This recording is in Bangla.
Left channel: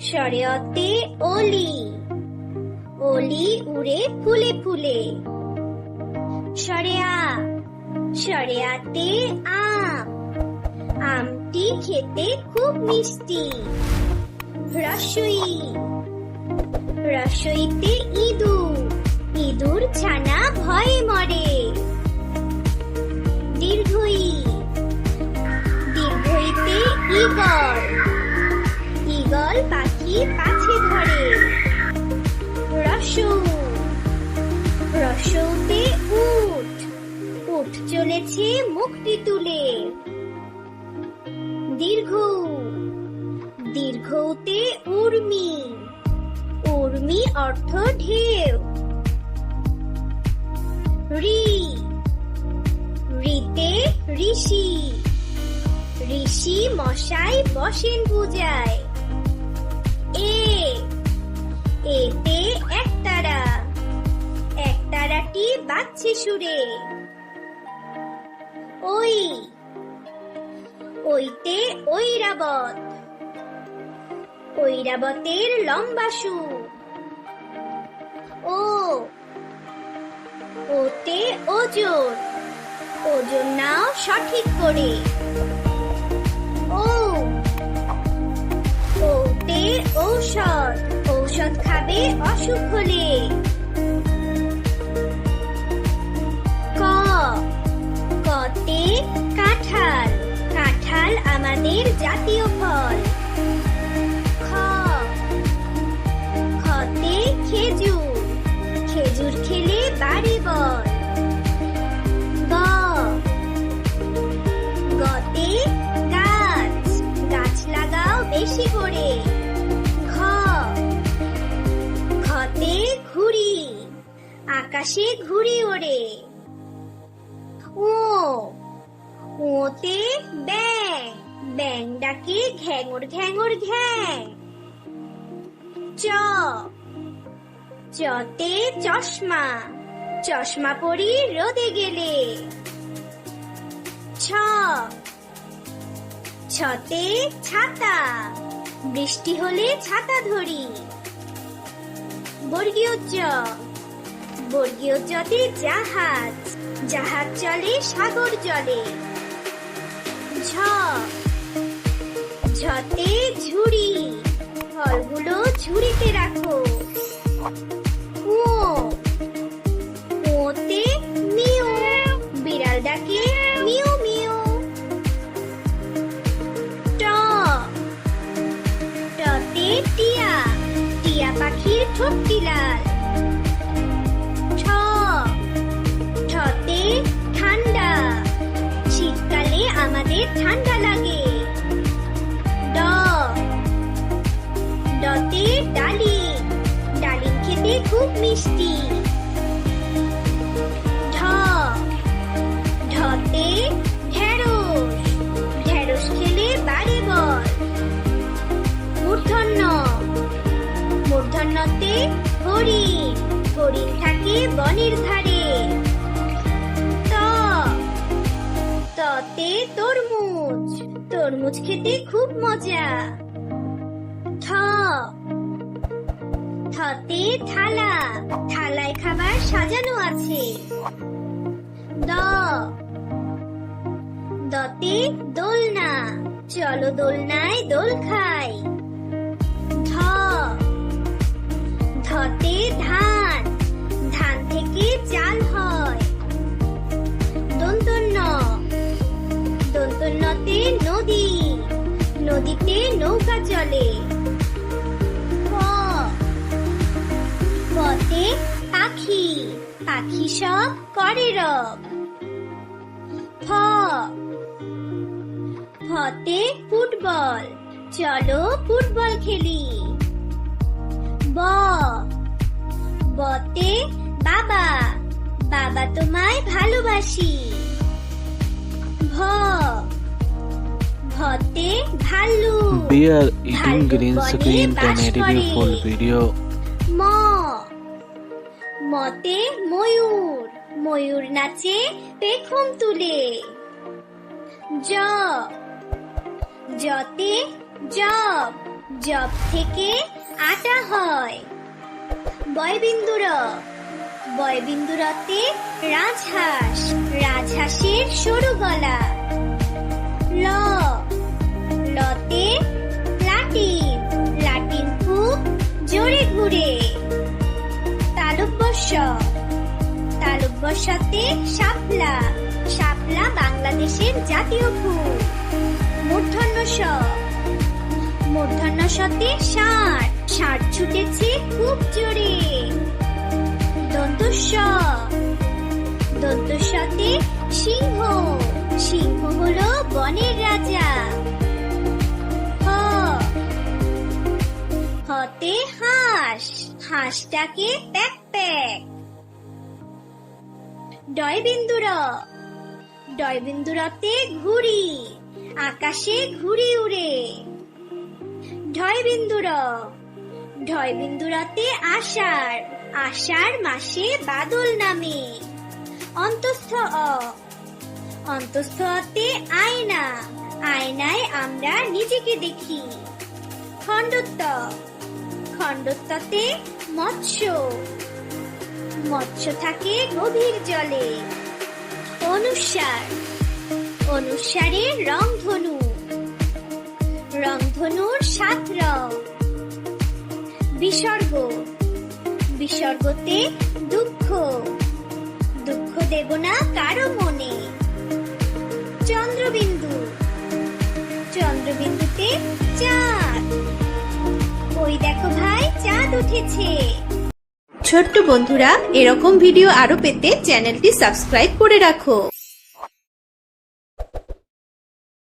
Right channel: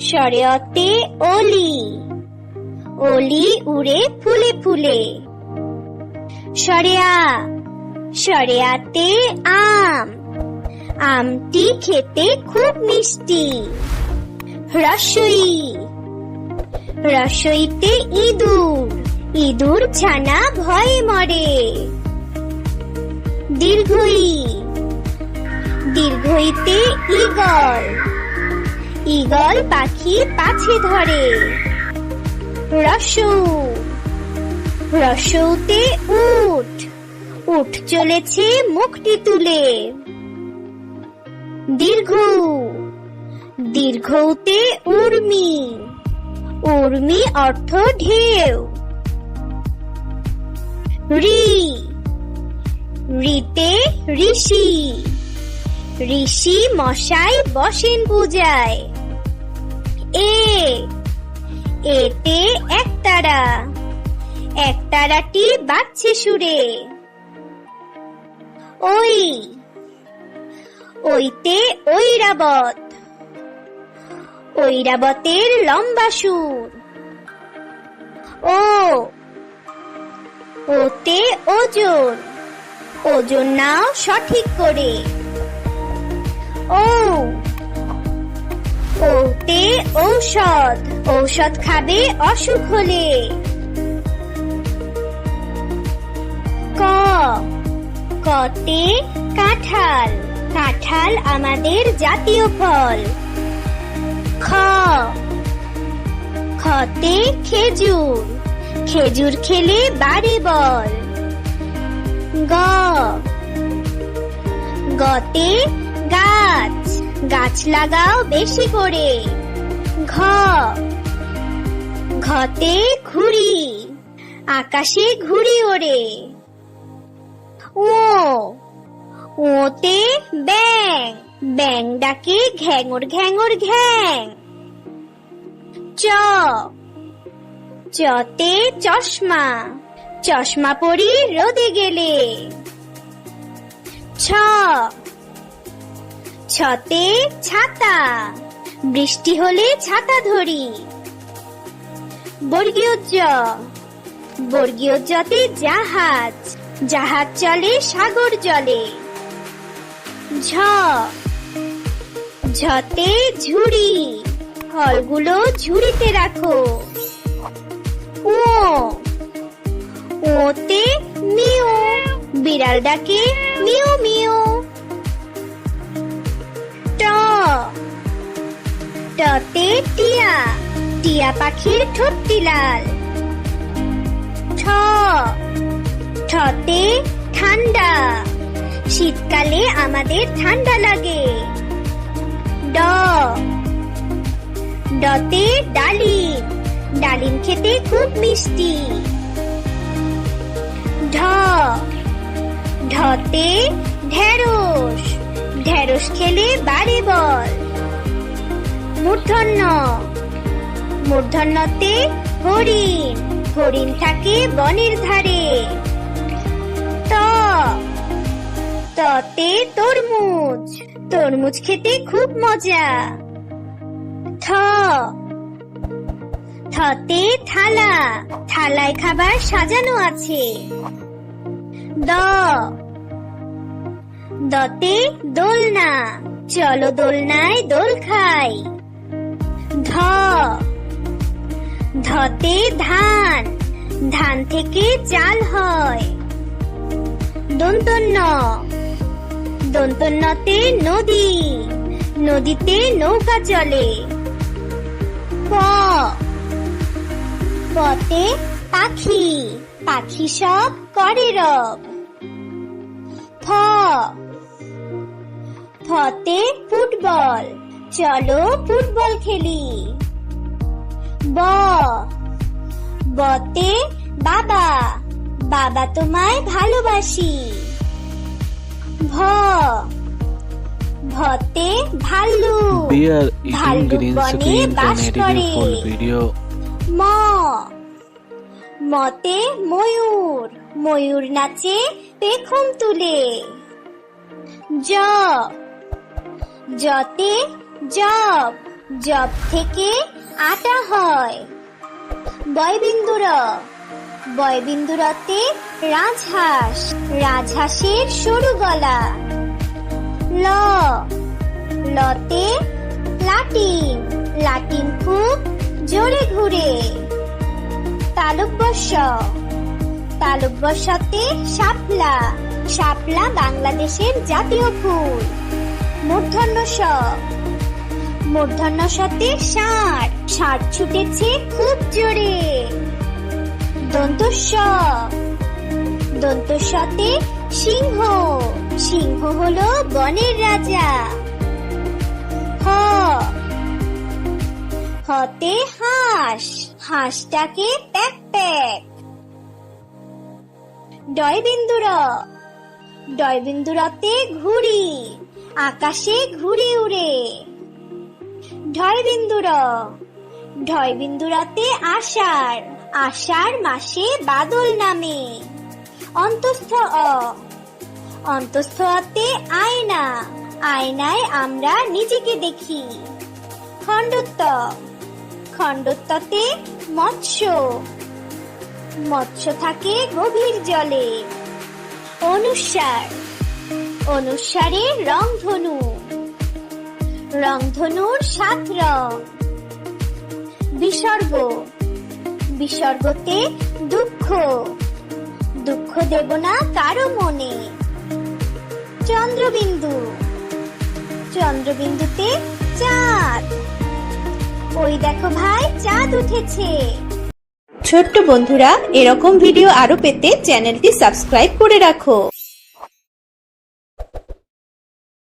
শরয়তে অলি, অলি উড়ে ফুলে ফুলে। শরেয়াতে আম, আমটি খেতে খুব মিষ্টি। রসইতে ইঁদুর, ইঁদুর ছানা ভয়ে মরে। দীর্ঘইতে ঈগল, ঈগল পাখি পাছে ধরে। রসৌতে উট, উট চলেছে মুখটি তুলে। দীর্ঘতে উর্মি, উর্মি অর্থ ঢেউ। ঋতে ঋষি, ঋষি মশাই বসেন পূজায়। এতে একতারা, একতারাটি বাজছে সুরে। ওইতে ঐরাবত, ঐরাবতের লম্বা সুর। ওতে ওজন, ওজন নাও সঠিক করে। ওতে ঔষধ, ঔষধ খাবে অসুখ হলে। কতে কাঁঠাল, কাঁঠাল আমাদের জাতীয় ফল। খতে খেজুর, খেজুর খেলে বাড়ে বল। গতে গাছ, গাছ লাগাও বেশি করে। ঘতে ঘুড়ি, আকাশে ঘুড়ি ওড়ে। ওতে ব্যাং, ব্যাং ডাকে ঘ্যাঙর ঘ্যাঙর ঘ্যাং। চতে চশমা, চশমা পরি রোদে গেলে। ছতে ছাতা, বৃষ্টি হলে ছাতা ধরি। বর্গীয় জতে জাহাজ, জাহাজ চলে সাগর জলে। ঝতে ঝুড়ি, ফলগুলো ঝুড়িতে রাখো। ওতে মিউ, বিড়াল ডাকে মিউ মিউ। টতে টিয়া, টিয়া পাখির ঠোঁটটি লাল। ঠতে ঠান্ডা, শীতকালে আমাদের ঠান্ডা লাগে। ডতে ডালিম, ডালিম খেতে খুব মিষ্টি। ঢতে ঢেঁড়স, ঢেঁড়স খেলে বাড়ে বল। মূর্ধন্যতে হরিণ, হরিণ থাকে বনের ধারে। ততে তরমুজ, তরমুজ খেতে খুব মজা। থতে থালা, থালায় খাবার সাজানো আছে। দতে দোলনা, চলো দোলনায় দোল খাই। ধতে ধান, ধান থেকে চাল হয়। দন্তন্যতে নদী, নদীতে নৌকা চলে। পতে পাখি, পাখি সব করে রব। ফতে ফুটবল, চলো ফুটবল খেলি। বতে বাবা, বাবা তোমায় ভালোবাসি। ভতে ভাল্লুক, We are eating green screen 1080p full video. মতে ময়ূর, ময়ূর নাচে পেখম তুলে। জতে জব, জব থেকে আটা হয়। বয়বিন্দু র, বয়বিন্দু রতে রাজহাঁস, রাজহাঁসের সরু গলা। ল, লতে লাটিম, লাটিম খুব জোরে ঘুরে। তালব্য শ, তালব্য শতে শাপলা, শাপলা বাংলাদেশের জাতীয় ফুল। মূর্ধন্য ষ, মূর্ধন্য শতে ষাঁড়, ষাঁড় ছুটেছে খুব জোরে। দন্ত স, দন্ত শতে সিংহ, সিংহ হলো বনের রাজা। হ, হতে হাঁস, হাঁসটাকে প্যাক প্যাক। ডয়বিন্দু র, ডয়বিন্দু রতে ঘুড়ি, আকাশে ঘুড়ি উড়ে। ঢয়বিন্দু র, ঢয়বিন্দু রতে আষাঢ়, আষাঢ় মাসে বাদল নামে। অন্তস্থ অ, অন্তস্থ অতে আয়না, আয়নায় আমরা নিজেকে দেখি। খণ্ডত্ব, খণ্ডত্বতে মৎস্য, মৎস্য থাকে গভীর জলে। অনুস্বার, অনুস্বারে রংধনু, রংধনুর 7 রং। বিসর্গ, বিসর্গতে দুঃখ, দুঃখ দেব না কারো মনে। চন্দ্রবিন্দু, চন্দ্রবিন্দুতে চাঁদ, ওই দেখো ভাই চাঁদ উঠেছে। ছোট্ট বন্ধুরা, এরকম ভিডিও আরো পেতে চ্যানেলটি সাবস্ক্রাইব করে রাখো।